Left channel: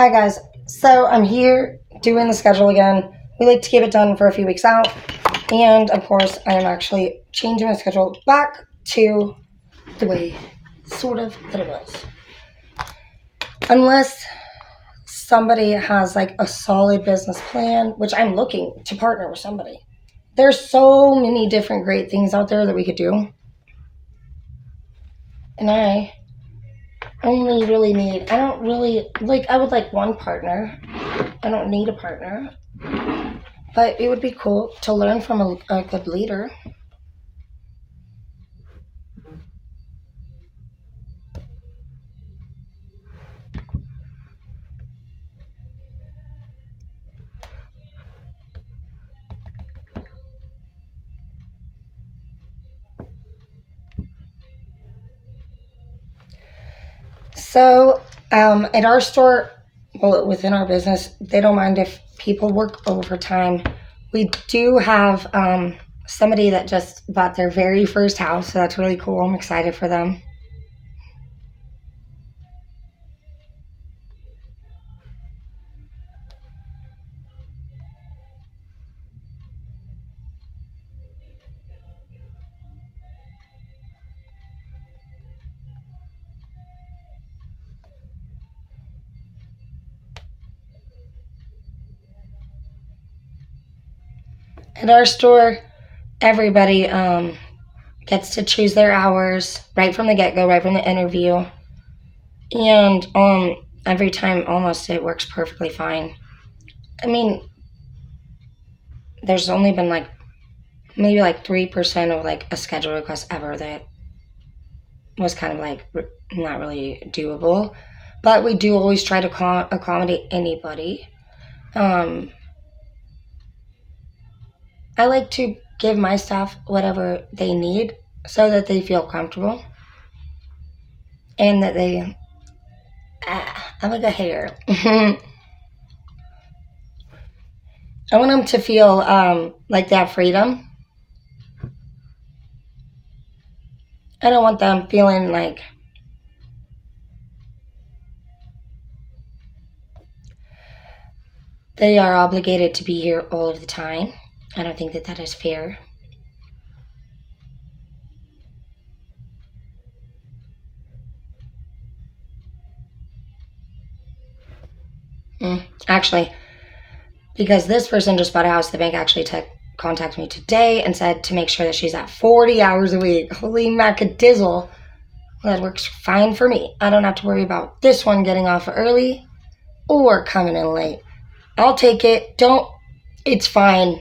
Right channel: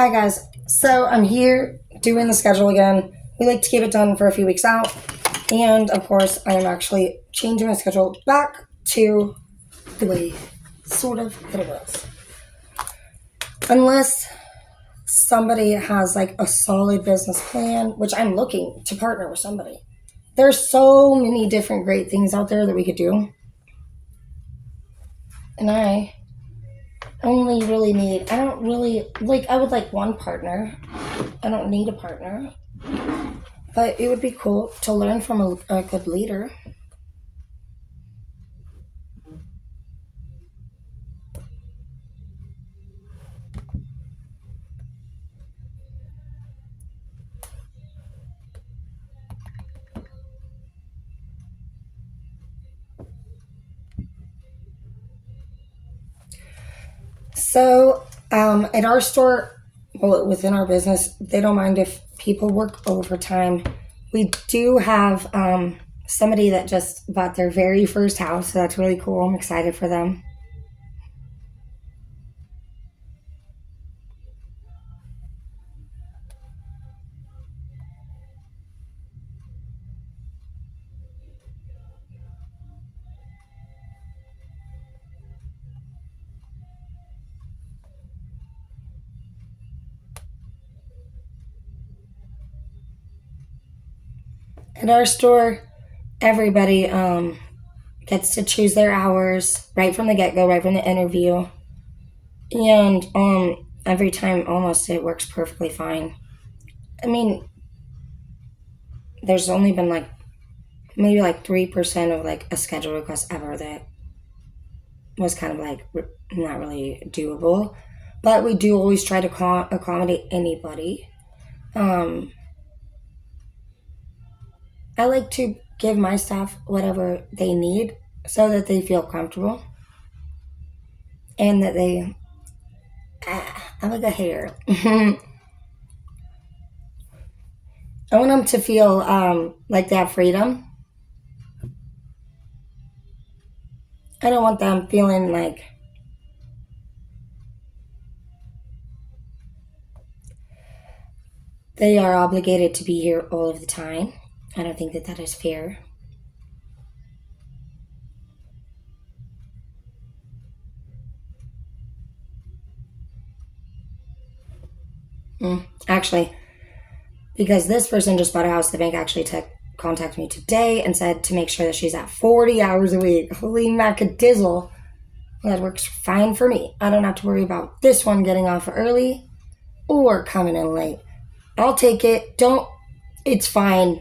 Hi guys, so I'm here doing the schedule again. We like to keep it done for a few weeks out, and of course I am actually changing my schedule back to the way sort of that it was. Unless somebody has like a solid business plan, which I'm looking to partner with somebody. There's so many different great things out there that we could do. And I only really need, I don't really, like, I would like one partner. I don't need a partner. But it would be cool to learn from a good leader. So, at our store, well, within our business, they don't mind if people work overtime. We do have somebody that just bought their very first house, so that's really cool. I'm excited for them. At our store, everybody gets to choose their hours right from the get go, right from the interview. And every time almost it works perfectly fine. I mean, there's only been like maybe like 3% of like a schedule request ever that was kind of like not really doable. But we do always try to accommodate anybody. Um, I like to give my staff whatever they need so that they feel comfortable and that they. I'm like a hater. I want them to feel like they have freedom. I don't want them feeling like they are obligated to be here all of the time. I don't think that that is fair. Actually, because this person just bought a house, the bank actually contacted me today and said to make sure that she's at 40 hours a week. Holy macadizzle. Well, that works fine for me. I don't have to worry about this one getting off early or coming in late. I'll take it. Don't. It's fine.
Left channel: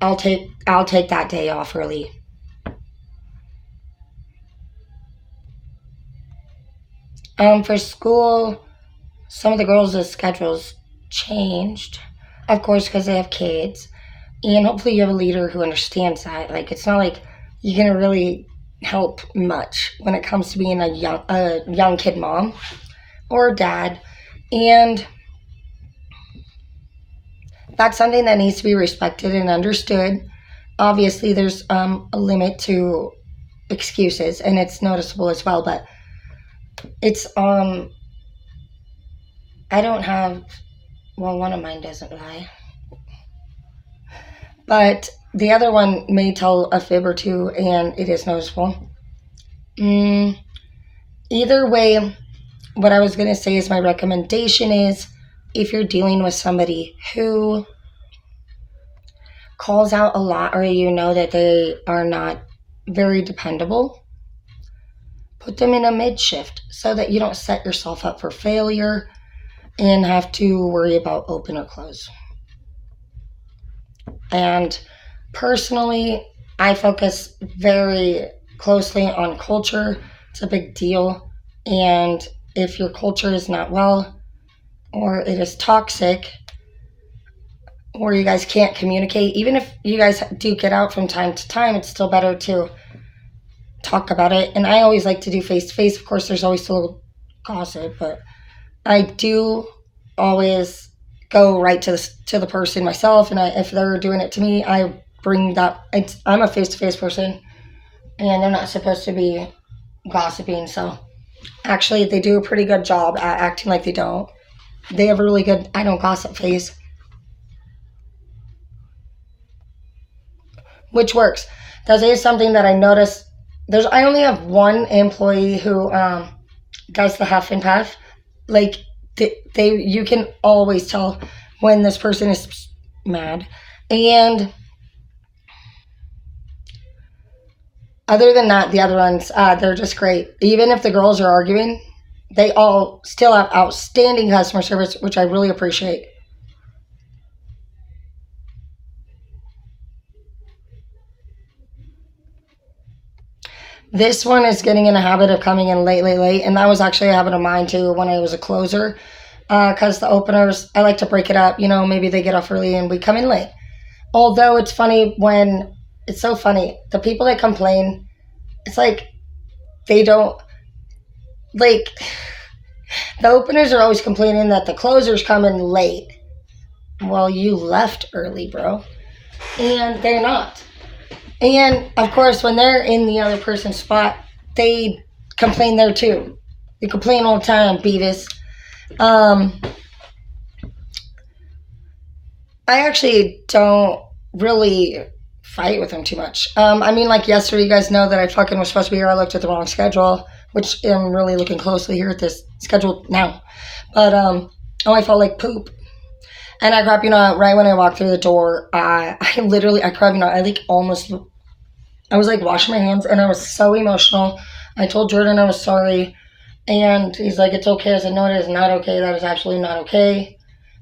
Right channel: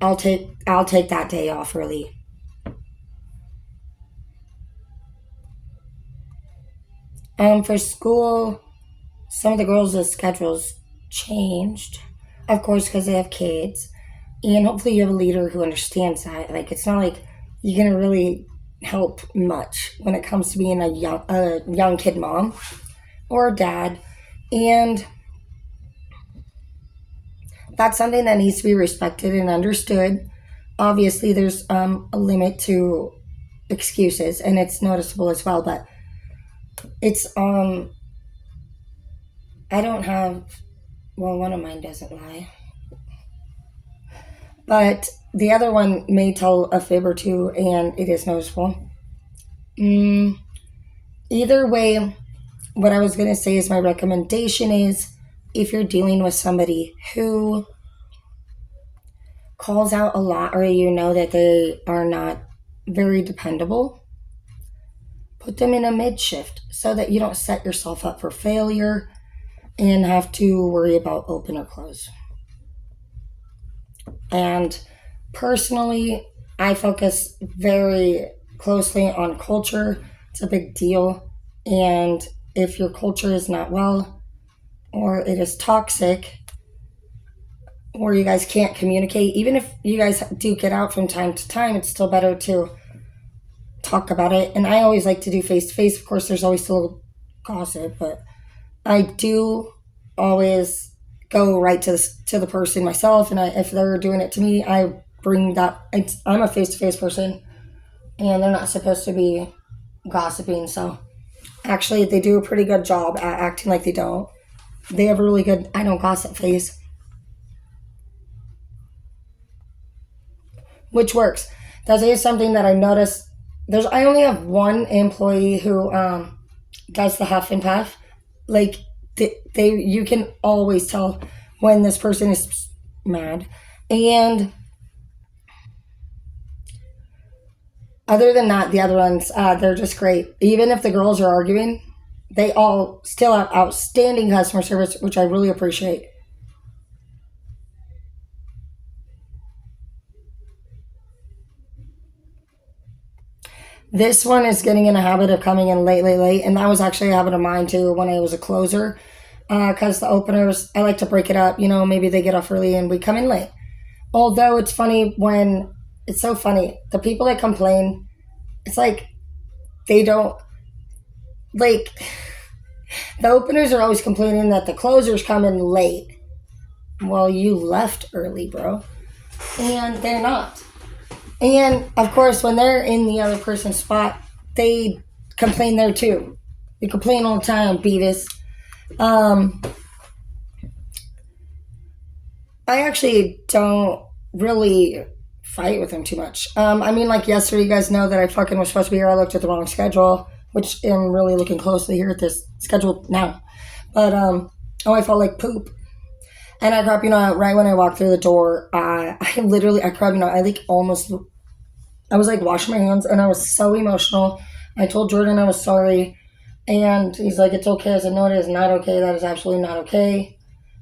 I'll take that day off early. For school, some of the girls' schedules changed, of course, because they have kids, and hopefully you have a leader who understands that. Like, it's not like you're gonna really help much when it comes to being a young kid mom or dad, and that's something that needs to be respected and understood. Obviously, there's a limit to excuses, and it's noticeable as well. But it's I don't have. Well, one of mine doesn't lie, but the other one may tell a fib or two, and it is noticeable. Mm, Either way, what I was gonna say is my recommendation is if you're dealing with somebody who calls out a lot or you know that they are not very dependable, put them in a mid shift so that you don't set yourself up for failure and have to worry about open or close. And personally, I focus very closely on culture. It's a big deal. And if your culture is not well or it is toxic, or you guys can't communicate, even if you guys do get out from time to time, it's still better to talk about it. And I always like to do face to face. Of course, there's always still gossip, but I do always go right to the person myself. And if they're doing it to me, I bring that. I'm a face to face person, and they're not supposed to be gossiping. So actually, they do a pretty good job at acting like they don't. they have a really good I don't gossip phase, which works. That is something that I noticed. I only have one employee who does the huff and puff. Like they you can always tell when this person is mad. And other than that, the other ones, they're just great. Even if the girls are arguing, they all still have outstanding customer service, which I really appreciate. This one is getting in a habit of coming in late. And that was actually a habit of mine too when I was a closer. Because the openers, I like to break it up. You know, maybe they get off early and we come in late. Although it's funny when, it's so funny. The people that complain, it's like they don't, like, the openers are always complaining that the closers come in late. Well, you left early, bro. And they're not. And of course, when they're in the other person's spot, they complain there too. They complain all the time, Beavis. I actually don't really fight with them too much. I mean, like yesterday, you guys know that I fucking was supposed to be here. I looked at the wrong schedule, which I'm really looking closely here at this schedule now. But I felt like poop. And I crap, right when I walked through the door, I crap, I was like washing my hands and I was so emotional. I told Jordan I was sorry. And he's like, it's okay. I said, no, it is not okay. That is absolutely not okay.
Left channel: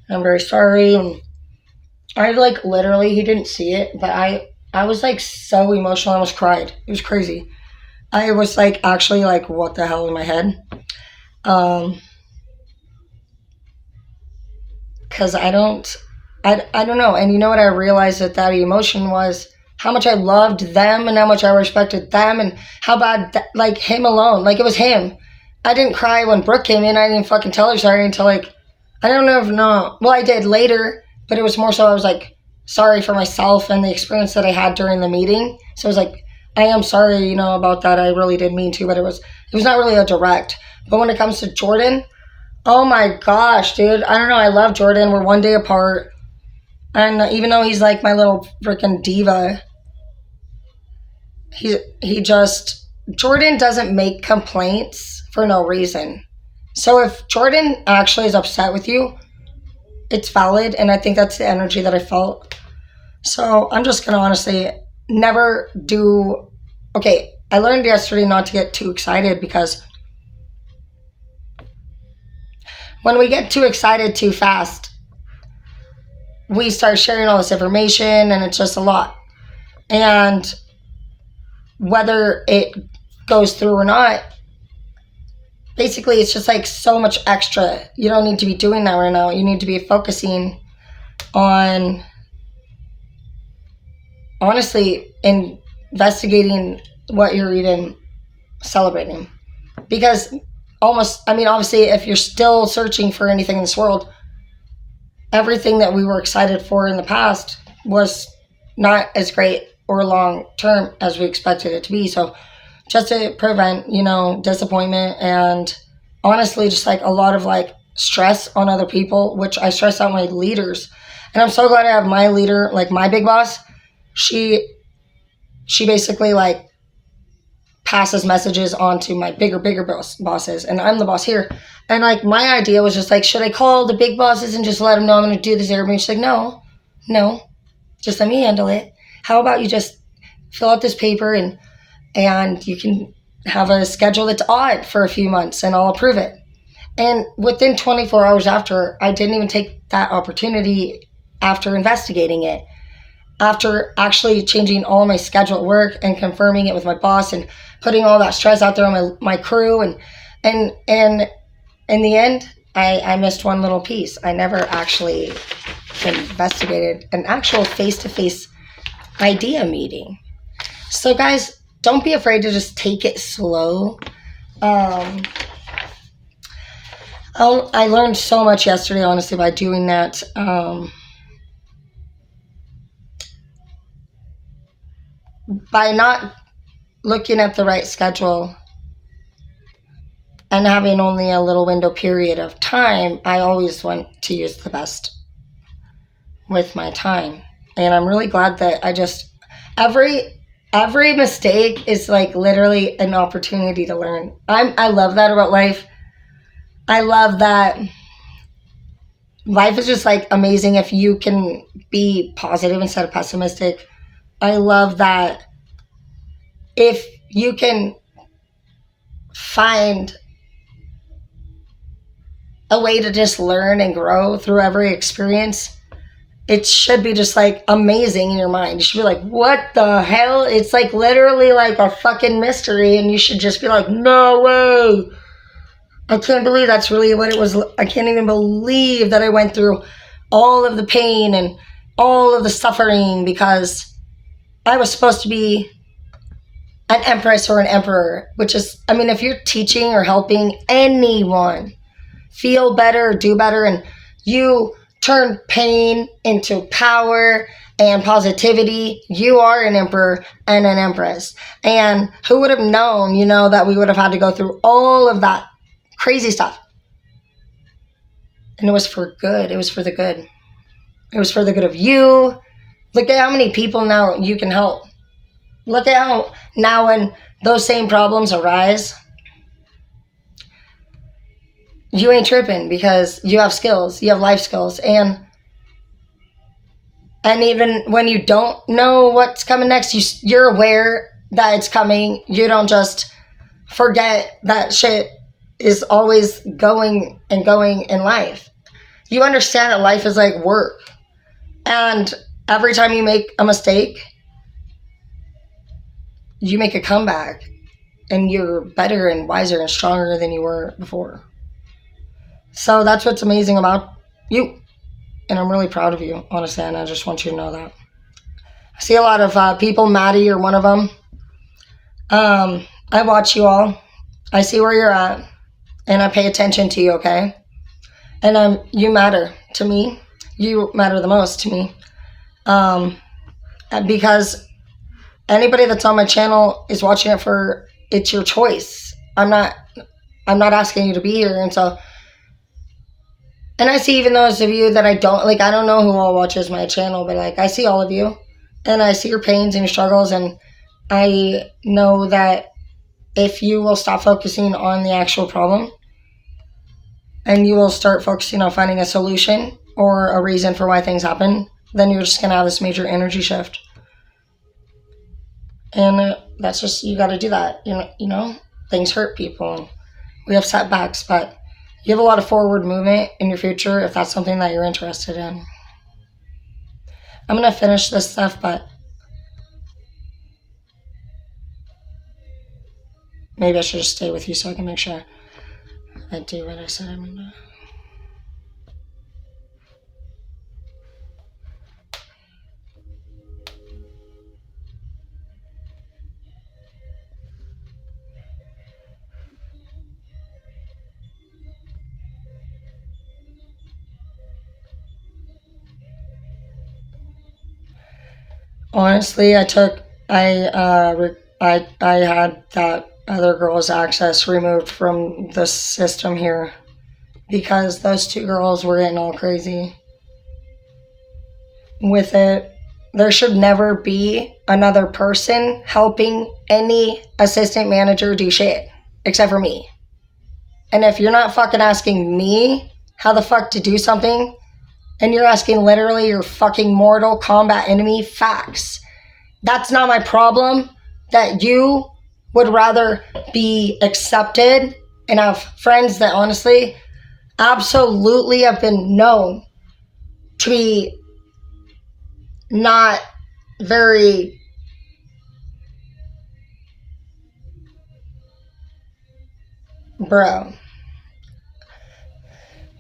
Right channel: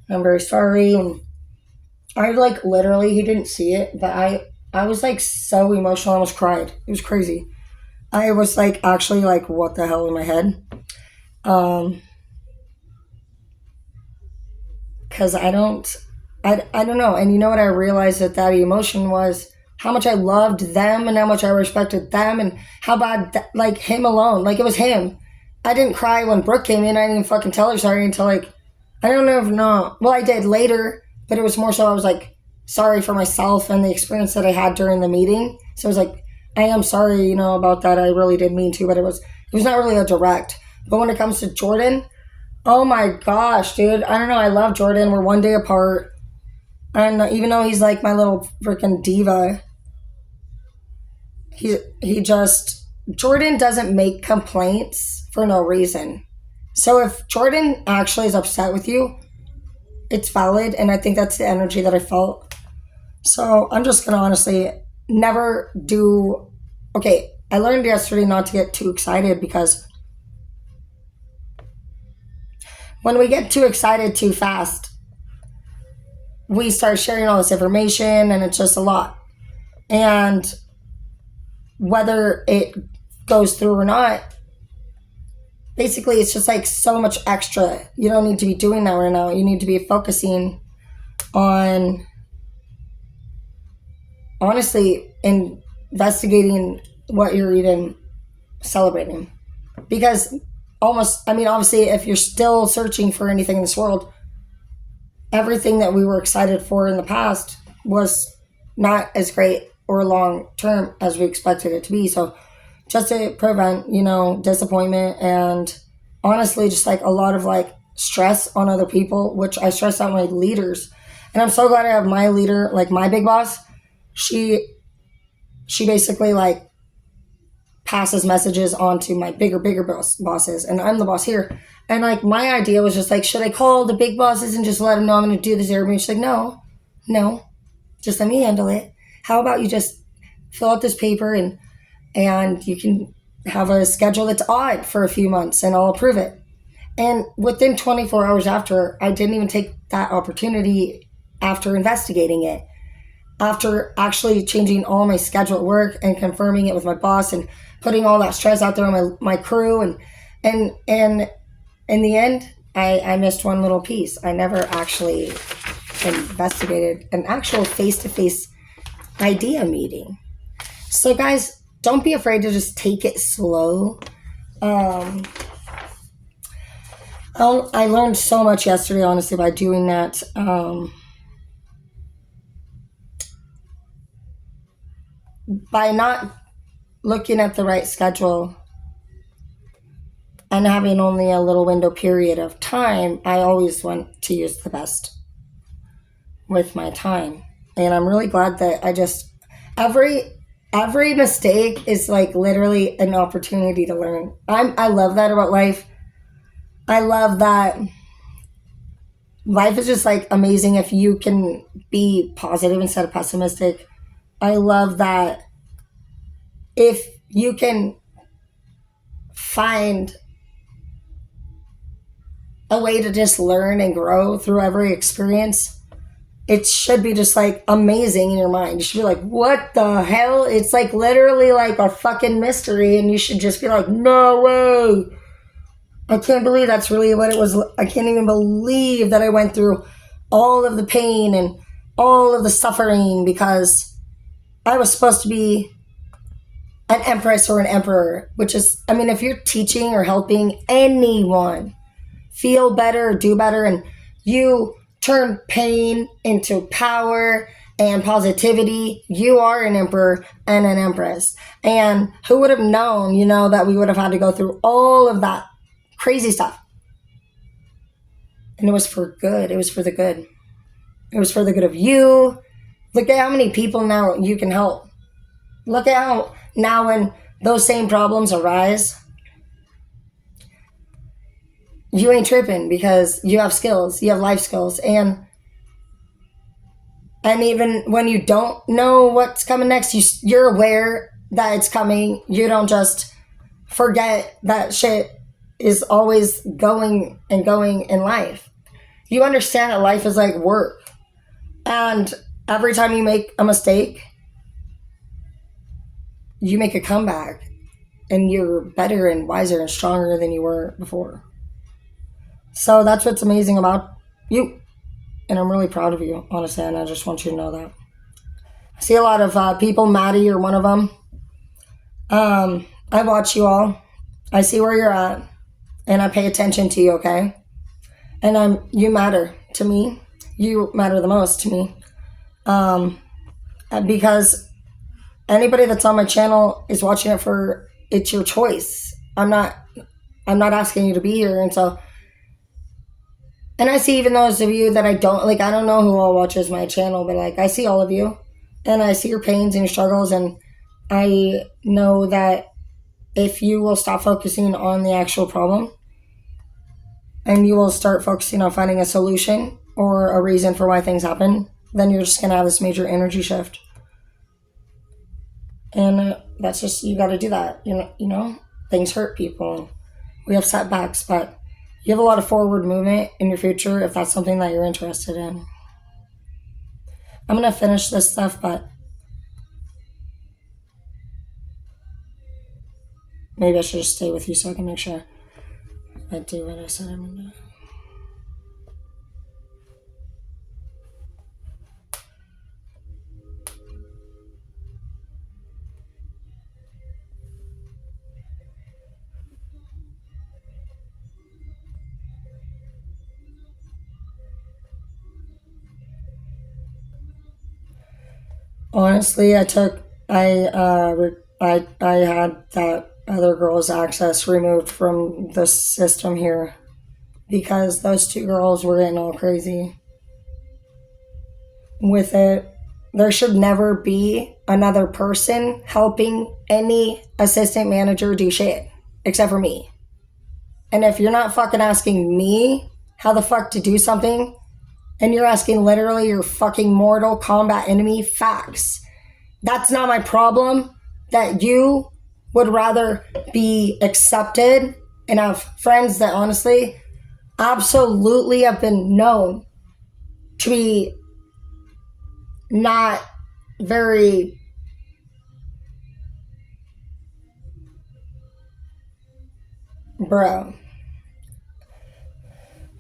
And I'm very sorry. And I like literally, he didn't see it, but I was like so emotional. I almost cried. It was crazy. I was like actually like, what the hell in my head? Because I don't know. And you know what I realized that emotion was how much I loved them and how much I respected them and how bad, like him alone, like it was him. I didn't cry when Brooke came in. I didn't fucking tell her sorry until like, I don't know if no. Well, I did later, but it was more so I was like sorry for myself and the experience that I had during the meeting. So I was like, I am sorry, about that. I really didn't mean to, but it was not really a direct. But when it comes to Jordan, oh my gosh, dude. I don't know. I love Jordan. We're one day apart. And even though he's like my little freaking diva, Jordan doesn't make complaints for no reason. So if Jordan actually is upset with you, it's valid. And I think that's the energy that I felt. So I'm just going to honestly never do. Okay, I learned yesterday not to get too excited because when we get too excited too fast, we start sharing all this information and it's just a lot. And whether it goes through or not, basically it's just like so much extra. You don't need to be doing that right now. You need to be focusing on honestly investigating what you're even celebrating. Because obviously if you're still searching for anything in this world, everything that we were excited for in the past was not as great or long term as we expected it to be. So just to prevent, disappointment and honestly just like a lot of like stress on other people, which I stress out my leaders. And I'm so glad I have my leader, like my big boss. She basically like passes messages on to my bigger bosses, and I'm the boss here. And like my idea was just like, should I call the big bosses and just let them know I'm going to do this every? She's like, no, just let me handle it. How about you just fill out this paper and you can have a schedule that's odd for a few months and I'll approve it. And within 24 hours after, I didn't even take that opportunity after investigating it. After actually changing all my schedule at work and confirming it with my boss and putting all that stress out there on my crew and in the end, I missed one little piece. I never actually investigated an actual face-to-face idea meeting. So guys, don't be afraid to just take it slow. I learned so much yesterday, honestly, by doing that. By not looking at the right schedule, and having only a little window period of time, I always want to use the best with my time. And I'm really glad that every mistake is like literally an opportunity to learn. I love that about life. I love that life is just like amazing if you can be positive instead of pessimistic. I love that if you can find a way to just learn and grow through every experience, it should be just like amazing in your mind. You should be like, what the hell? It's like literally like a fucking mystery, and you should just be like, no way. I can't believe that's really what it was. I can't even believe that I went through all of the pain and all of the suffering because I was supposed to be an empress or an emperor, which is, I mean, if you're teaching or helping anyone feel better, do better, and you turn pain into power and positivity, you are an emperor and an empress. And who would have known, that we would have had to go through all of that crazy stuff. And it was for good. It was for the good. It was for the good of you. Look at how many people now you can help. Look at how now when those same problems arise, you ain't tripping because you have skills. You have life skills. And even when you don't know what's coming next, you're aware that it's coming. You don't just forget that shit is always going and going in life. You understand that life is like work. And every time you make a mistake, you make a comeback. And you're better and wiser and stronger than you were before. So that's what's amazing about you. And I'm really proud of you, honestly, and I just want you to know that. I see a lot of people, Maddie, you're one of them. I watch you all. I see where you're at. And I pay attention to you, okay? And you matter to me. You matter the most to me. Because anybody that's on my channel is watching it it's your choice. I'm not asking you to be here. And I see even those of you that I don't know who all watches my channel, but like I see all of you and I see your pains and your struggles, and I know that if you will stop focusing on the actual problem and you will start focusing on finding a solution or a reason for why things happen, then you're just going to have this major energy shift. And that's just, you got to do that. Things hurt people and we have setbacks, but you have a lot of forward movement in your future if that's something that you're interested in. I'm going to finish this stuff, but maybe I should just stay with you so I can make sure I do what I said I'm going to. Honestly, I had that other girl's access removed from the system here because those two girls were getting all crazy with it. There should never be another person helping any assistant manager do shit except for me. And if you're not fucking asking me how the fuck to do something, and you're asking literally your fucking Mortal Kombat enemy facts, that's not my problem. That you would rather be accepted and have friends that honestly absolutely have been known to be not very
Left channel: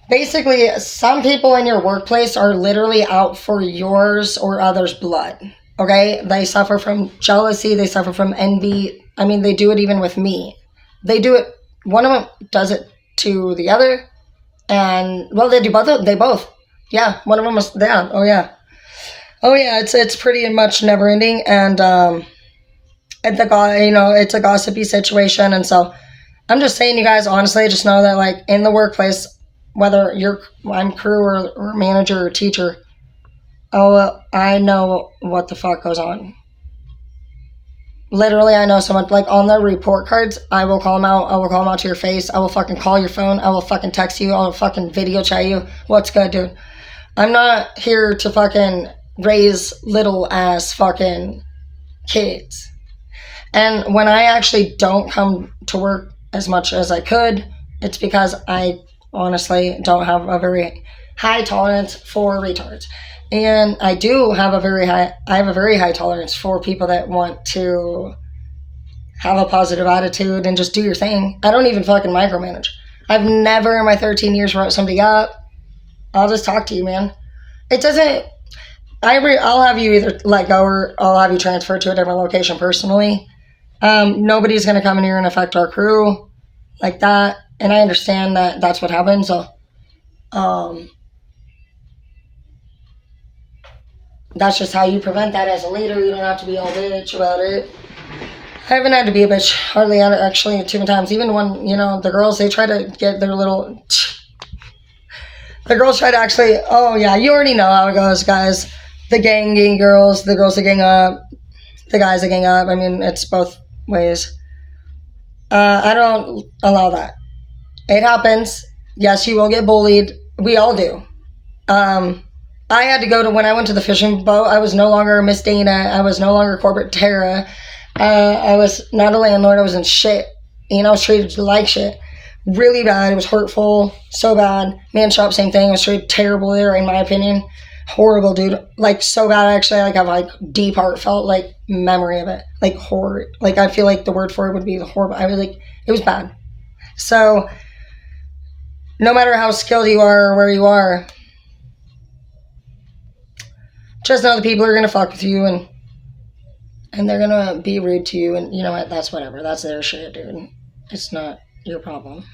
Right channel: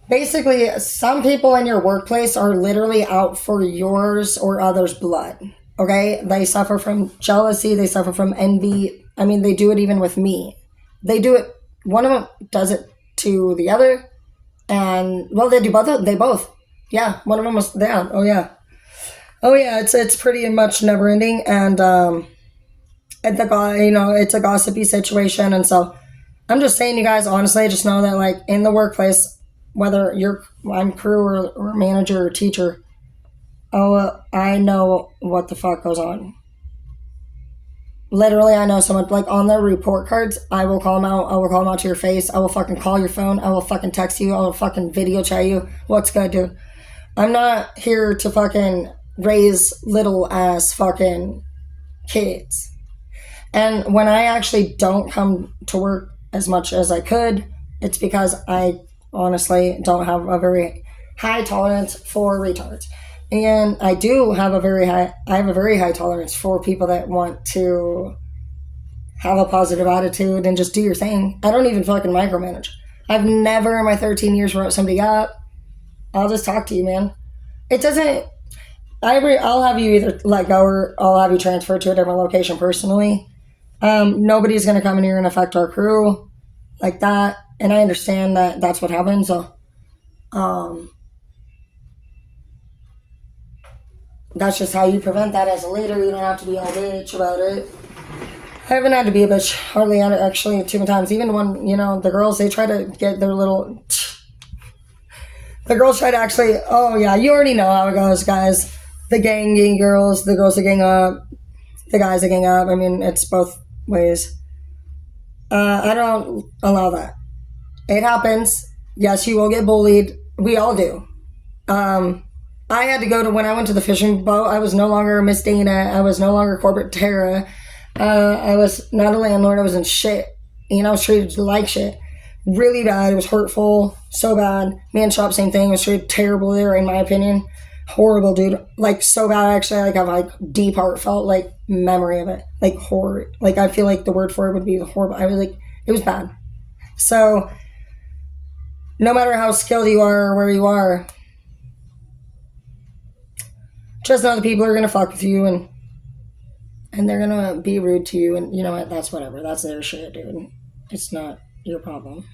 basically, some people in your workplace are literally out for yours or others' blood, okay? They suffer from jealousy. They suffer from envy. I mean, they do it even with me. They do it. One of them does it to the other. And, well, they do both. They both. Yeah, one of them was down. Oh, yeah. It's pretty much never ending. And it's a gossipy situation. And so I'm just saying, you guys, honestly, just know that, like, in the workplace, whether I'm crew or manager or teacher, oh, I know what the fuck goes on. Literally, I know someone, like, on their report cards, I will call them out. I will call them out to your face. I will fucking call your phone. I will fucking text you. I will fucking video chat you. What's good, dude? I'm not here to fucking raise little ass fucking kids. And when I actually don't come to work as much as I could, it's because I honestly don't have a very high tolerance for retards. And I have a very high tolerance for people that want to have a positive attitude and just do your thing. I don't even fucking micromanage. I've never in my 13 years wrote somebody up. I'll just talk to you, man. It doesn't, I'll have you either let go or I'll have you transferred to a different location personally. Nobody's going to come in here and affect our crew like that. And I understand that that's what happens. So, that's just how you prevent that as a leader. You don't have to be all bitch about it. I haven't had to be a bitch hardly actually too many times. Even when, the girls, they try to get their little... The girls try to actually... Oh, yeah, you already know how it goes, guys. The gang girls, the girls that gang up, the guys that gang up. I mean, it's both ways. I don't allow that. It happens. Yes, you will get bullied. We all do. I had to go to, when I went to the fishing boat, I was no longer Miss Dana. I was no longer Corporate Tara. I was not a landlord. I was in shit. I was treated like shit. Really bad. It was hurtful. So bad. Man shop, same thing. I was treated terrible there, in my opinion. Horrible, dude. Like, so bad, actually. I have, like, deep heartfelt, like, memory of it. Like, horror. Like, I feel like the word for it would be the horrible. I was like, it was bad. So, no matter how skilled you are or where you are, just know the people are going to fuck with you and they're going to be rude to you. And you know what? That's whatever. That's their shit, dude. It's not your problem.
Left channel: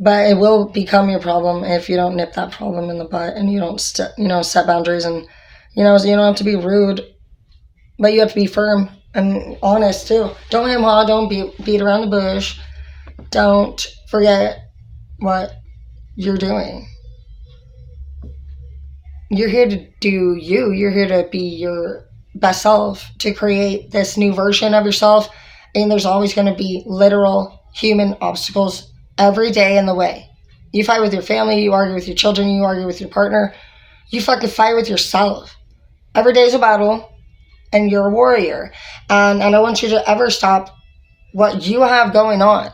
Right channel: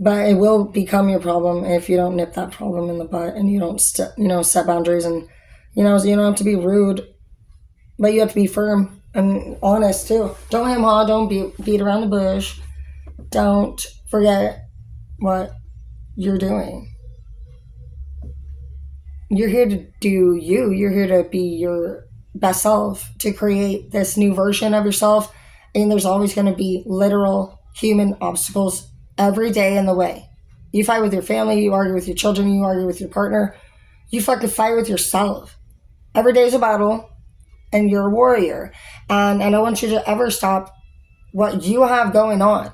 But it will become your problem if you don't nip that problem in the butt and you don't, set boundaries. And, you don't have to be rude, but you have to be firm and honest too. Don't hem-haw. Don't beat around the bush. Don't forget what you're doing. You're here to do you. You're here to be your best self, to create this new version of yourself. And there's always going to be literal human obstacles every day in the way. You fight with your family, you argue with your children, you argue with your partner. You fucking fight with yourself. Every day is a battle, and you're a warrior. And I don't want you to ever stop what you have going on.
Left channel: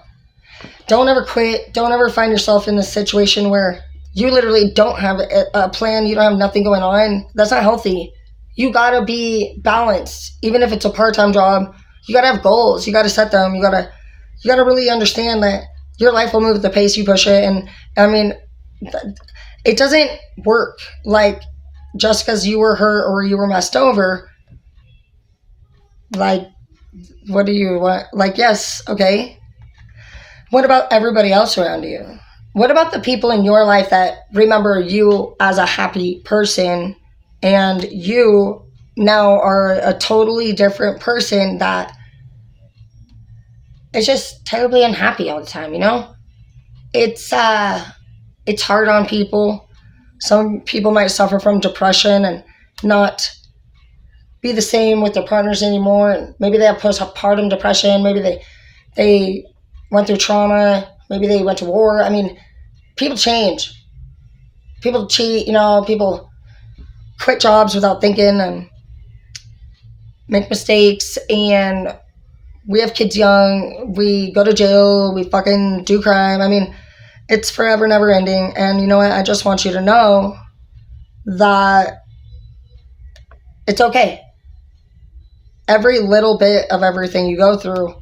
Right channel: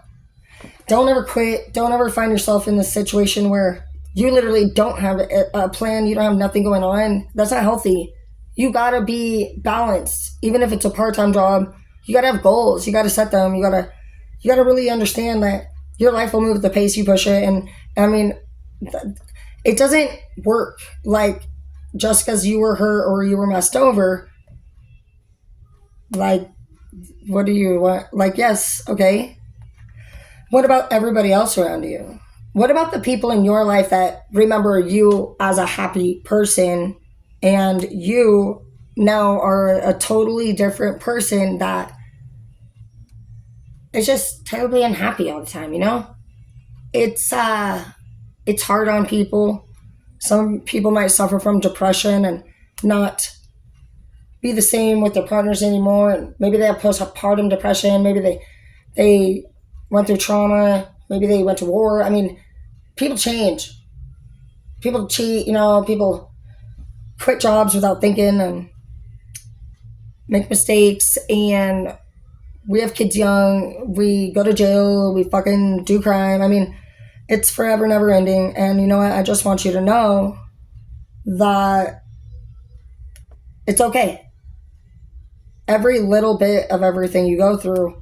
Don't ever quit. Don't ever find yourself in this situation where you literally don't have a plan. You don't have nothing going on. That's not healthy. You gotta be balanced. Even if it's a part-time job, you gotta have goals. You gotta set them. You gotta really understand that your life will move at the pace you push it. And I mean, it doesn't work like just because you were hurt or you were messed over. Like, what do you want? Like, yes, okay. What about everybody else around you? What about the people in your life that remember you as a happy person and you now are a totally different person that is just terribly unhappy all the time, It's hard on people. Some people might suffer from depression and not be the same with their partners anymore. And maybe they have postpartum depression. Maybe they went through trauma. Maybe they went to war. I mean, people change. People cheat, people quit jobs without thinking and make mistakes. And we have kids young. We go to jail. We fucking do crime. I mean, it's forever never ending. And you know what? I just want you to know that it's okay. Every little bit of everything you go through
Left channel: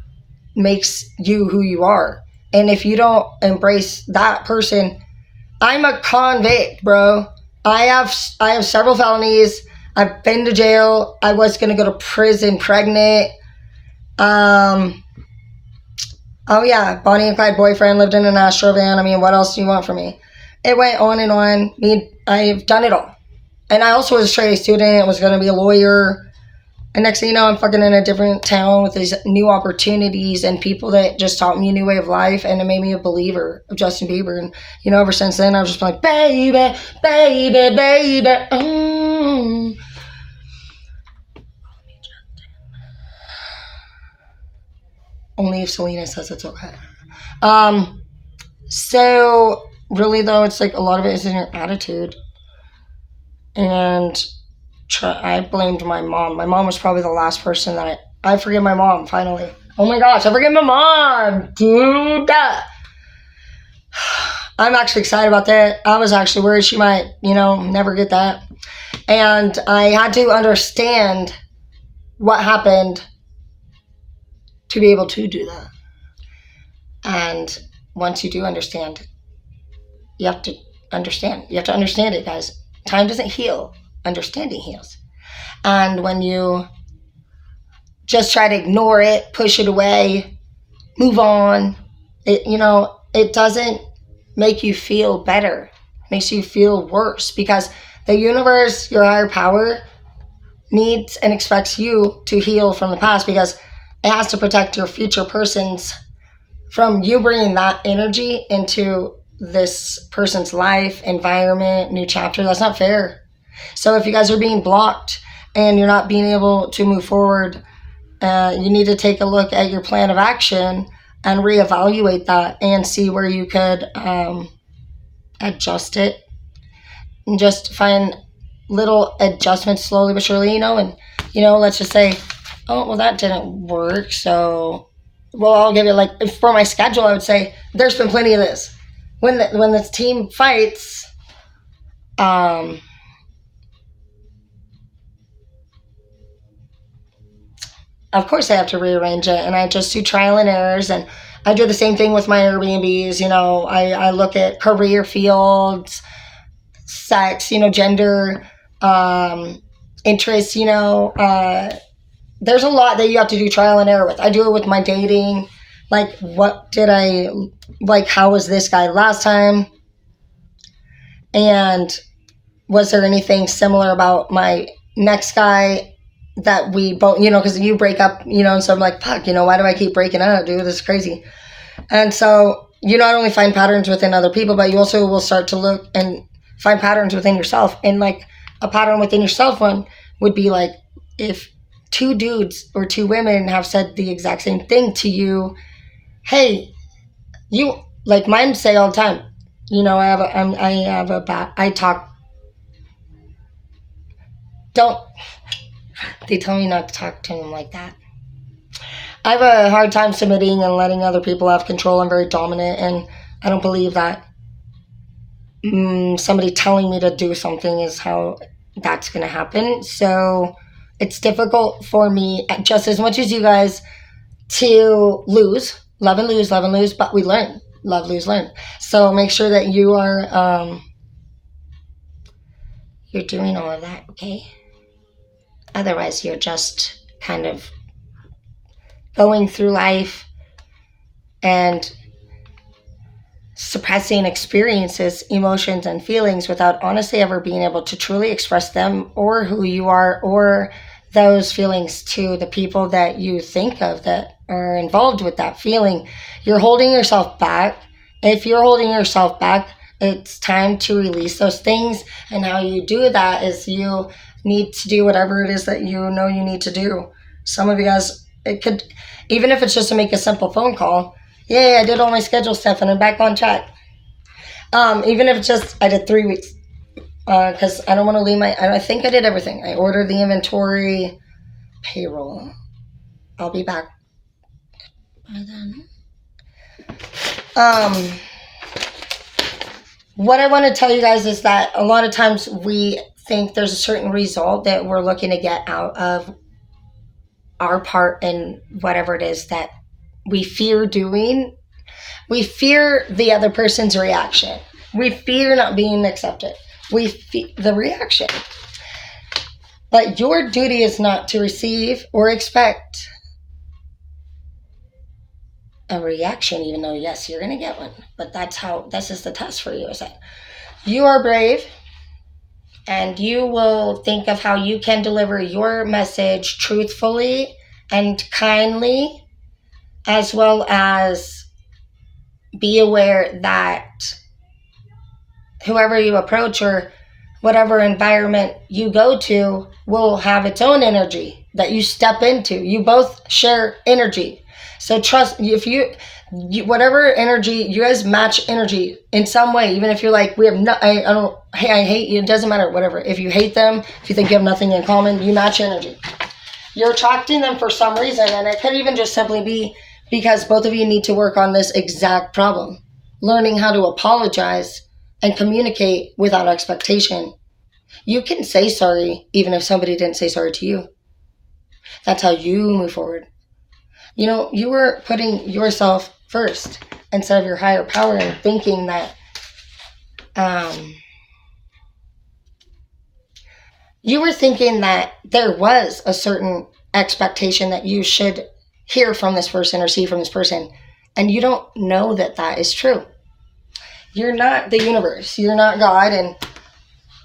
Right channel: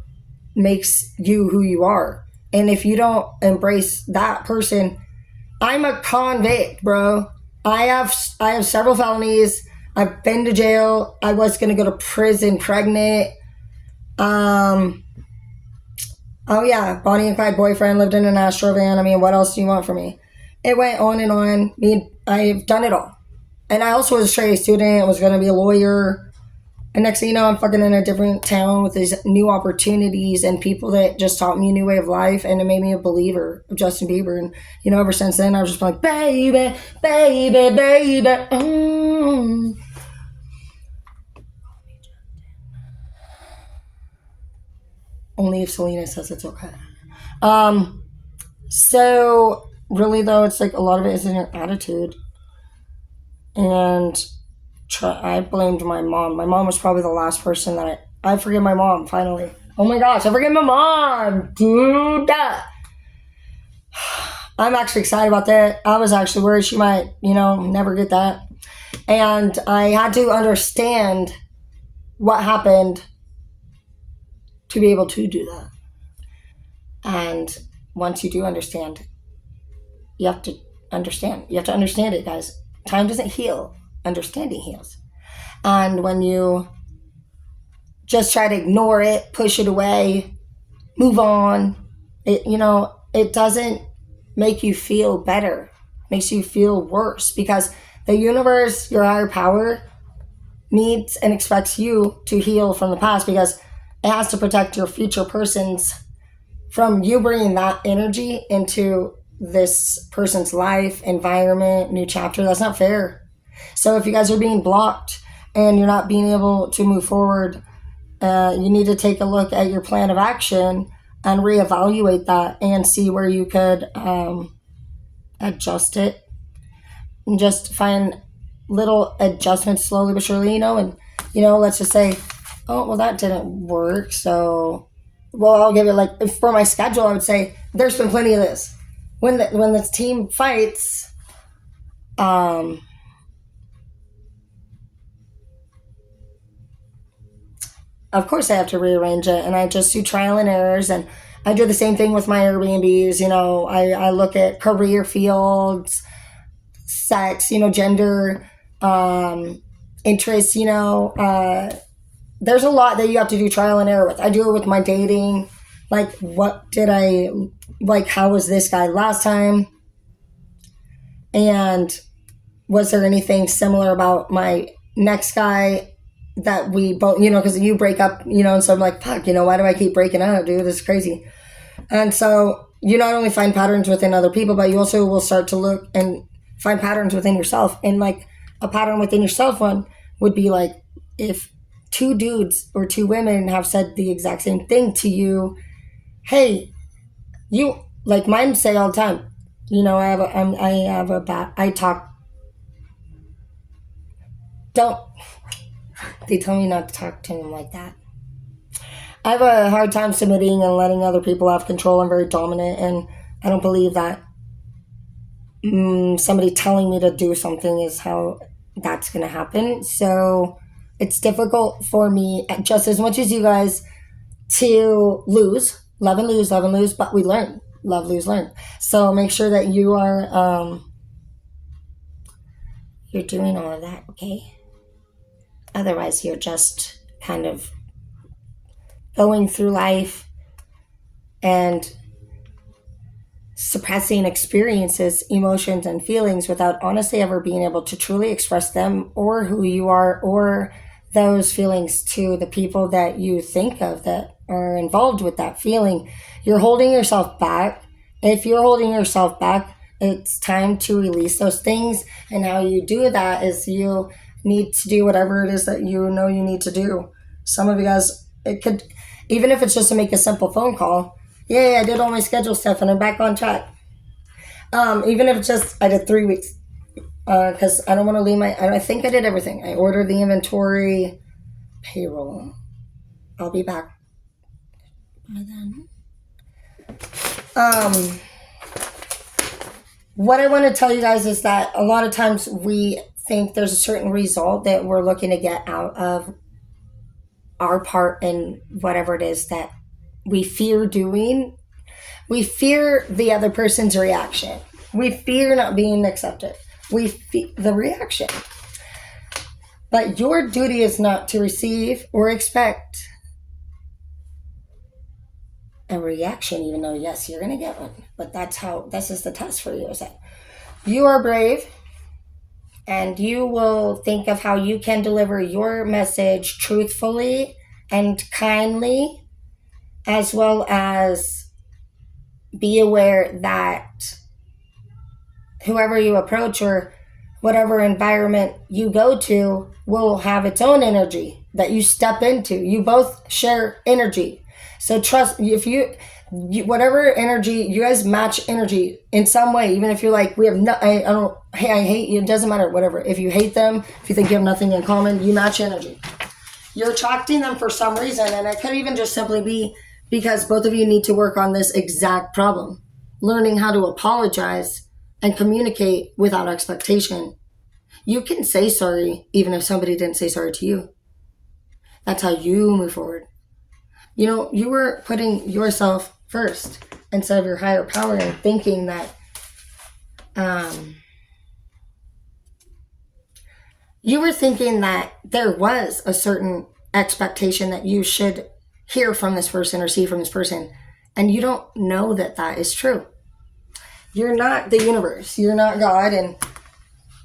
makes you who you are. And if you don't embrace that person, I'm a convict, bro. I have several felonies. I've been to jail. I was going to go to prison pregnant. Oh yeah, Bonnie and Clyde boyfriend, lived in an Astro van. I mean, what else do you want from me? It went on and on. I've done it all. And I also was a straight A student, was going to be a lawyer. And next thing you know, I'm fucking in a different town with these new opportunities and people that just taught me a new way of life, and it made me a believer of Justin Bieber. And, ever since then, I've just been like, baby, baby, baby. Only if Selena says it's okay. So, really, though, it's like a lot of it is in your attitude. And I blamed my mom. My mom was probably the last person that I forgive my mom, finally. Oh my gosh, I forgive my mom, dude. I'm actually excited about that. I was actually worried she might, never get that. And I had to understand what happened to be able to do that. And once you do understand, you have to understand. You have to understand it, guys. Time doesn't heal. Understanding heals. And when you just try to ignore it, push it away, move on, it doesn't make you feel better. It makes you feel worse, because the universe, your higher power, needs and expects you to heal from the past, because it has to protect your future persons from you bringing that energy into this person's life, environment, new chapter. That's not fair. So if you guys are being blocked and you're not being able to move forward, you need to take a look at your plan of action and reevaluate that and see where you could adjust it, and just find little adjustments slowly but surely, and let's just say, oh, well, that didn't work, so I'll give it, for my schedule, I would say there's been plenty of this. When the team fights, of course I have to rearrange it, and I just do trial and errors, and I do the same thing with my Airbnbs. I look at career fields, sex, gender, interests, there's a lot that you have to do trial and error with. I do it with my dating. How was this guy last time? And was there anything similar about my next guy that we both, because you break up, and so I'm like, fuck, why do I keep breaking up, dude? This is crazy. And so you not only find patterns within other people, but you also will start to look and find patterns within yourself. And a pattern within yourself one would be if 2 dudes or 2 women have said the exact same thing to you, hey, mine say all the time, they tell me not to talk to them like that. I have a hard time submitting and letting other people have control. I'm very dominant, and I don't believe that somebody telling me to do something is how that's going to happen. So it's difficult for me, just as much as you guys, to lose, love and lose, but we learn. Love, lose, learn. So make sure that you are, you're doing all of that, okay? Otherwise, you're just kind of going through life and suppressing experiences, emotions, and feelings without honestly ever being able to truly express them or who you are or those feelings to the people that you think of that are involved with that feeling. You're holding yourself back. If you're holding yourself back, it's time to release those things. And how you do that is you need to do whatever it is that you know you need to do. Some of you guys, it could, even if it's just to make a simple phone call, yay, I did all my schedule stuff and I'm back on track. Even if it's just, I did 3 weeks. Because I don't want to leave I think I did everything. I ordered the inventory, payroll. I'll be back by then. What I want to tell you guys is that a lot of times we think there's a certain result that we're looking to get out of our part in whatever it is that we fear doing. We fear the other person's reaction. We fear not being accepted. We fear the reaction. But your duty is not to receive or expect a reaction, even though, yes, you're going to get one. But this is the test for you. Is that you are brave. and you will think of how you can deliver your message truthfully and kindly, as well as be aware that whoever you approach or whatever environment you go to will have its own energy that you step into. You both share energy. So trust, if you whatever energy, you guys match energy in some way, even if you're like, we have no, I don't, hey, I hate you, it doesn't matter, whatever. If you hate them, if you think you have nothing in common, you match energy. You're attracting them for some reason, and it could even just simply be because both of you need to work on this exact problem. Learning how to apologize and communicate without expectation. You can say sorry even if somebody didn't say sorry to you. That's how you move forward. You know, you were putting yourself first instead of your higher power and thinking that you were thinking that there was a certain expectation that you should hear from this person or see from this person, and you don't know that that is true. You're not the universe. You're not God, and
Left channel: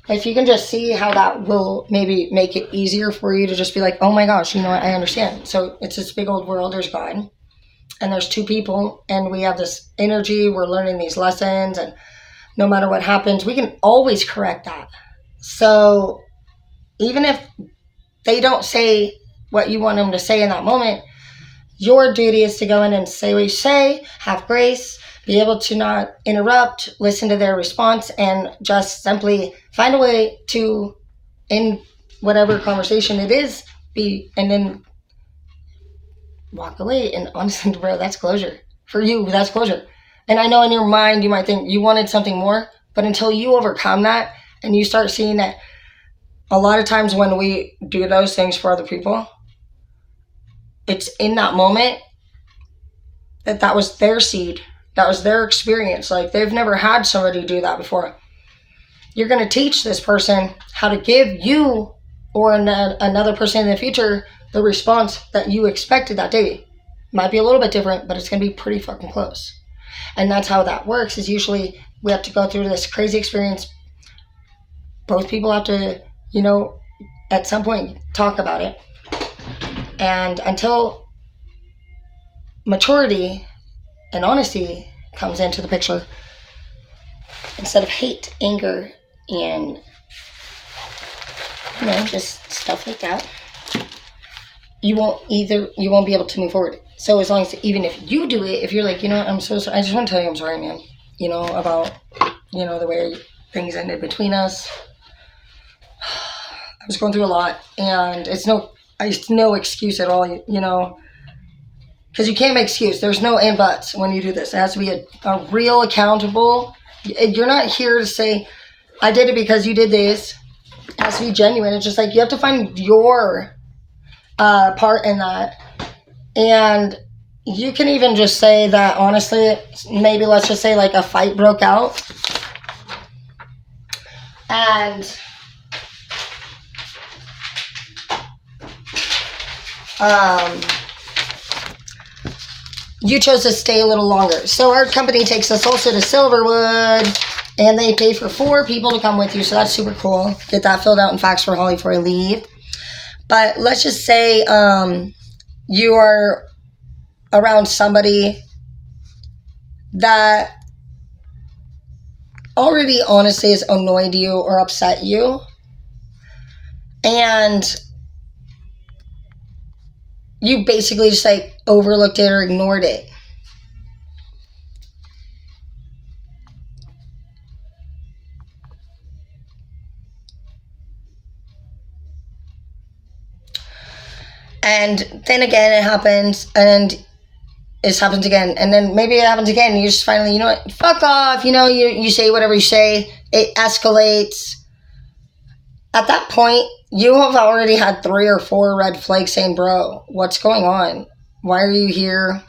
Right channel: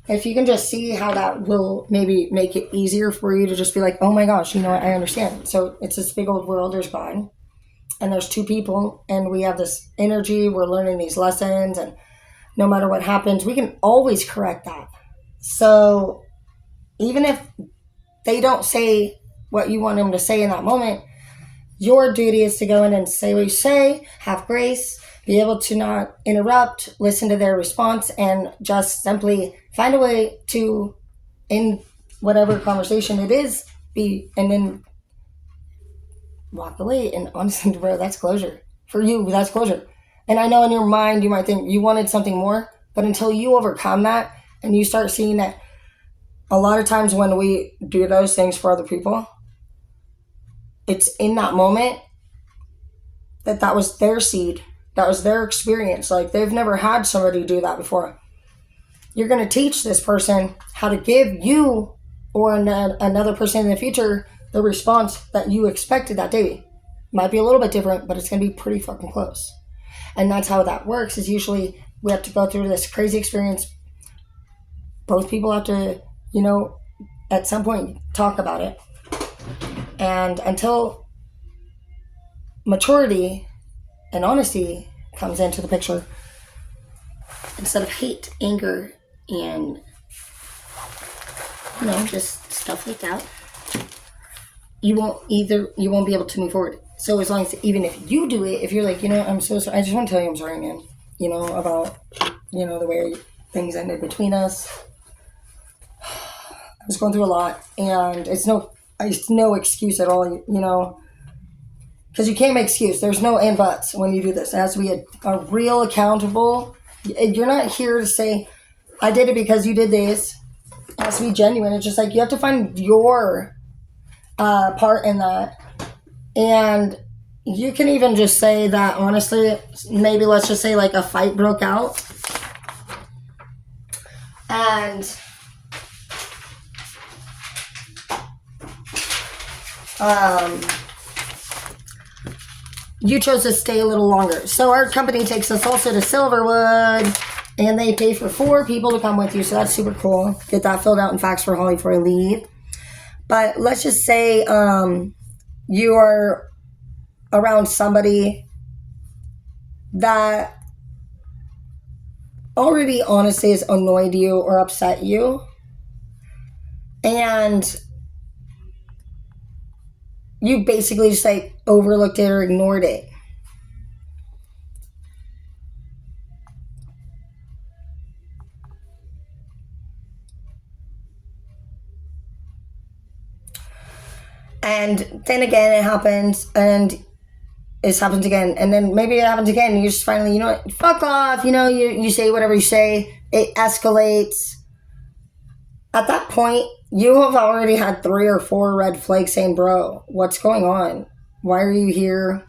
if you can just see how that will maybe make it easier for you to just be like, oh my gosh, you know what, I understand. So it's this big old world, there's God, and there's two people, and we have this energy, we're learning these lessons, and no matter what happens, we can always correct that. So even if they don't say what you want them to say in that moment, your duty is to go in and say what you say, have grace, be able to not interrupt, listen to their response, and just simply find a way to, in whatever conversation it is, be, and then walk away. And honestly, bro, that's closure. For you, that's closure. And I know in your mind you might think you wanted something more, but until you overcome that and you start seeing that a lot of times when we do those things for other people, it's in that moment that was their seed. That was their experience. Like, they've never had somebody do that before. You're going to teach this person how to give you or another person in the future the response that you expected that day. Might be a little bit different, but it's going to be pretty fucking close. And that's how that works, is usually we have to go through this crazy experience. Both people have to, you know, at some point talk about it. And until maturity and honesty comes into the picture, instead of hate, anger, and, you know, just stuff like that, you won't be able to move forward. So as long as, even if you do it, if you're like, you know what, I'm so sorry, I just want to tell you I'm sorry, man, you know, about, you know, the way things ended between us. I was going through a lot, and it's no excuse at all, you know, because you can't make excuse. There's no and buts when you do this. It has to be a real accountable. You're not here to say, I did it because you did this. It has to be genuine. It's just like you have to find your part in that. And you can even just say that, honestly, maybe let's just say like a fight broke out. And you chose to stay a little longer. So our company takes us also to Silverwood, and they pay for 4 people to come with you. So that's super cool. Get that filled out and faxed for Holly before you leave. But let's just say you are around somebody that already honestly has annoyed you or upset you. And you basically just like overlooked it or ignored it. And then again it happens, and it happens again, and then maybe it happens again, and you just finally, you know what, fuck off, you know, you say whatever you say, it escalates. At that point, you have already had 3 or 4 red flags saying, bro, what's going on? Why are you here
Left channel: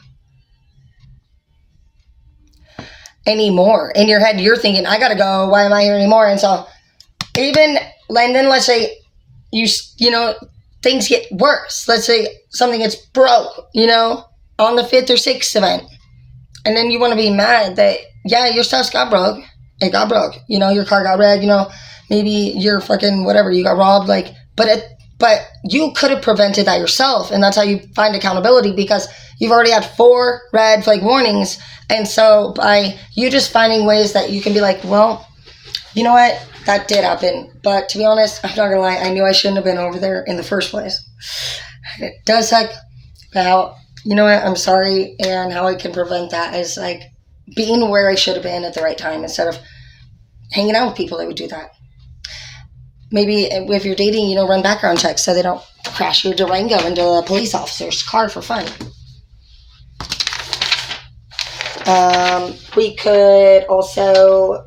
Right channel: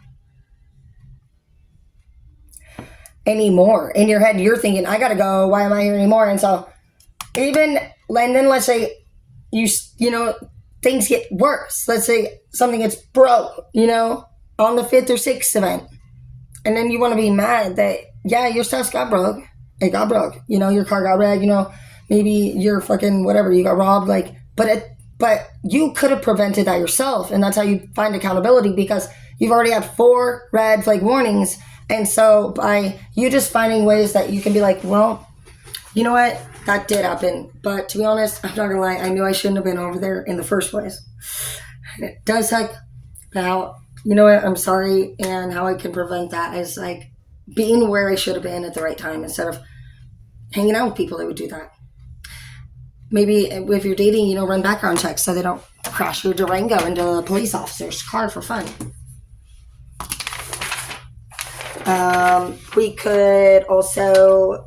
anymore? In your head, you're thinking, I gotta go. Why am I here anymore? And so and then let's say you know, things get worse. Let's say something gets broke, you know, on the 5th or 6th event. And then you want to be mad that, yeah, your stuff's got broke. It got broke. You know, your car got wrecked, you know, maybe you're fucking whatever, you got robbed, like, but you could have prevented that yourself, and that's how you find accountability, because you've already had 4 red flag warnings. And so by you just finding ways that you can be like, well, you know what, that did happen, but to be honest, I'm not gonna lie, I knew I shouldn't have been over there in the first place. And it does suck, but how, you know what, I'm sorry, and how I can prevent that is like being where I should have been at the right time instead of hanging out with people that would do that. Maybe if you're dating, you know, run background checks so they don't crash your Durango into a police officer's car for fun. We could also,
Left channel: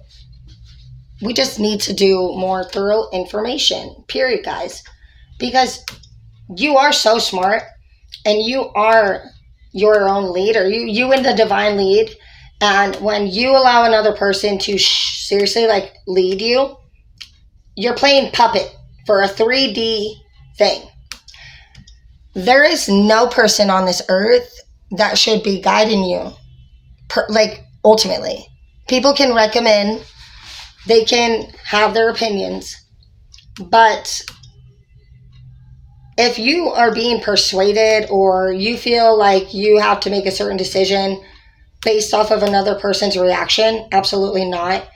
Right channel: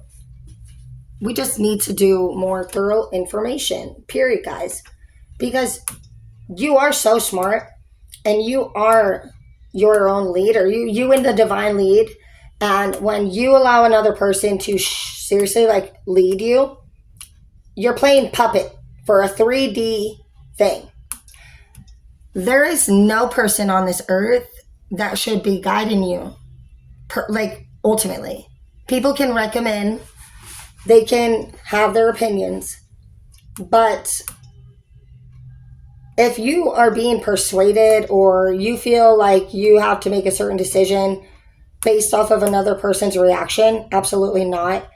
we just need to do more thorough information, period, guys. Because you are so smart, and you are your own leader. You in the divine lead. And when you allow another person to seriously, like, lead you, you're playing puppet for a 3D thing. There is no person on this earth that should be guiding you. Ultimately, people can recommend, they can have their opinions, but if you are being persuaded or you feel like you have to make a certain decision based off of another person's reaction, absolutely not.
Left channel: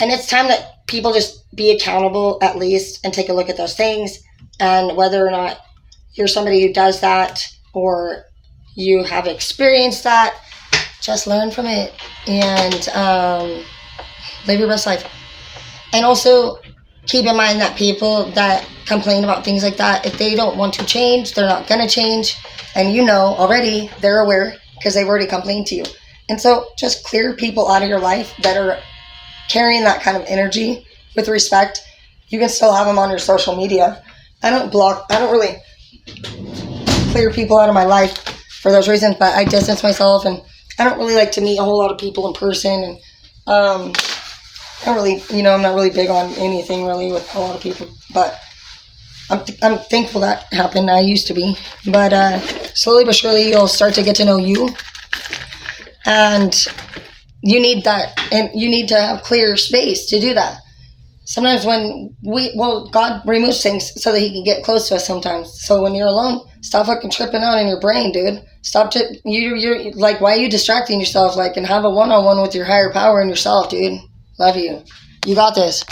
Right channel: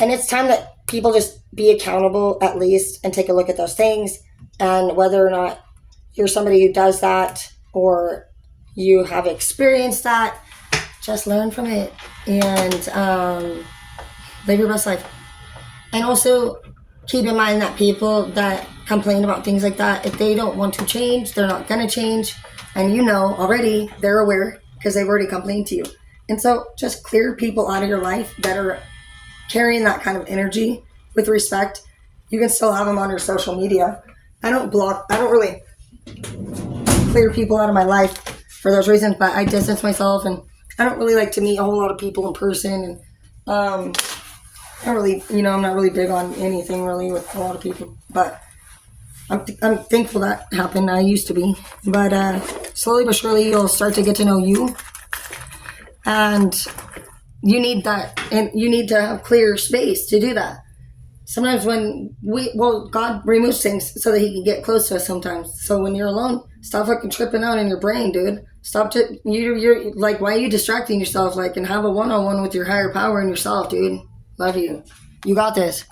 And it's time that people just be accountable at least and take a look at those things, and whether or not you're somebody who does that or you have experienced that, just learn from it and live your best life. And also keep in mind that people that complain about things like that, if they don't want to change, they're not going to change. And you know already, they're aware because they've already complained to you. And so just clear people out of your life that are carrying that kind of energy with respect. You can still have them on your social media. I don't really clear people out of my life for those reasons, but I distance myself, and I don't really like to meet a whole lot of people in person. And I don't really, I'm not really big on anything really with a lot of people, but I'm thankful that happened. I used to be, but slowly but surely you'll start to get to know you, and you need that, and you need to have clear space to do that. Sometimes when God removes things so that he can get close to us sometimes. So when you're alone, stop fucking tripping out in your brain, dude. You're like, why are you distracting yourself? Like, and have a one-on-one with your higher power and yourself, dude. Love you. You got this.